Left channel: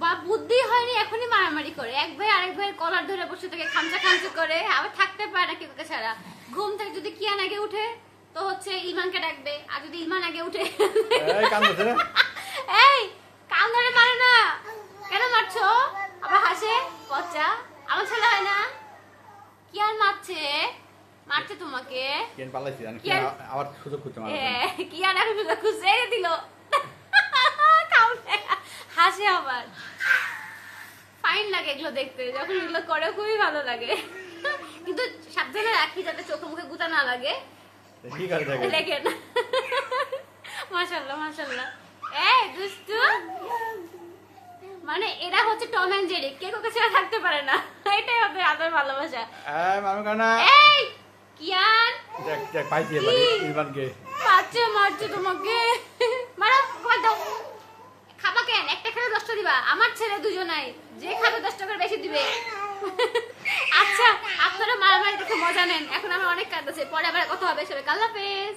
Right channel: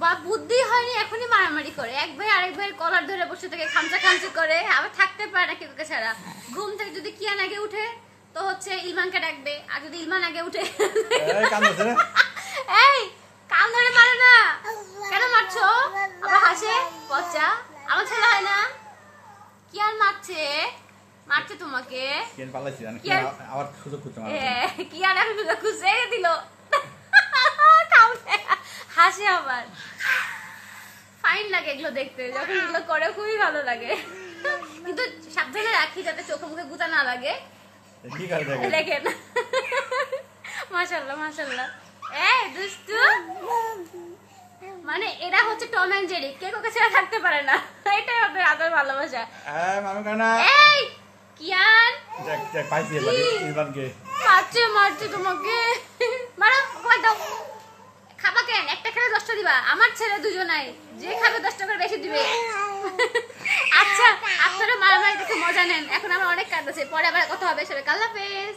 বা বুদ্ধি হয়নি এখনই মারামারি করে, এক ভাই আরেক ভাইয়ের কলার ধরে বসে থেকে খামচা খামচি করে, আবার থাকতে পারে না কেউকে ছাড়া। ঘুম থেকে যদি কিয়ান আগে উঠে তো হচ্ছে ইলমানকে ডাকবে, আর যদি ইলমান আগে উঠে এই কান ধরে মারে না, কেন মারছো? আবার হাসে, পচা আমার ছেলে হয় না, কিয়ান মারছে মারছে তোমাকে, কিয়ান পালাইছে আবার সুযোগ খুঁজছে, কিয়ান এখন সুযোগ খুঁজছে দিল, হাসে আবার। ফাইন লাগে এগুলো দেখতে, যখন এগুলো করে খুবই ভালো লাগে, কিন্তু সাবধানে রাখি যাতে চোখে মুখে গুতা না লাগে। দেখেন মাশাআল্লাহ মাশাআল্লাহ। দুষ্টু মানে এরা হচ্ছে টম এন্ড জেরি, কে কাউকে ছেড়ে থাকতে পারে না, এটাই ওদের আদর ভালোবাসা। এই কিয়ান দেখ দেখ পাইছি এবারে ইলমানকে মারছে তোমাকে, মারো কই দাও। খাবা কেন? একটা খেলে 10টা দিবা, আমার ছেলে দুজনাই, যে খাবে 10টা করে বেশি দিবে। আচ্ছা আপনারা মারামারি দেখে মজা নেন, এখন আমার অনেক কাজ আছে, পরে আবার কথা হবে, সবাই আল্লাহ হাফেজ।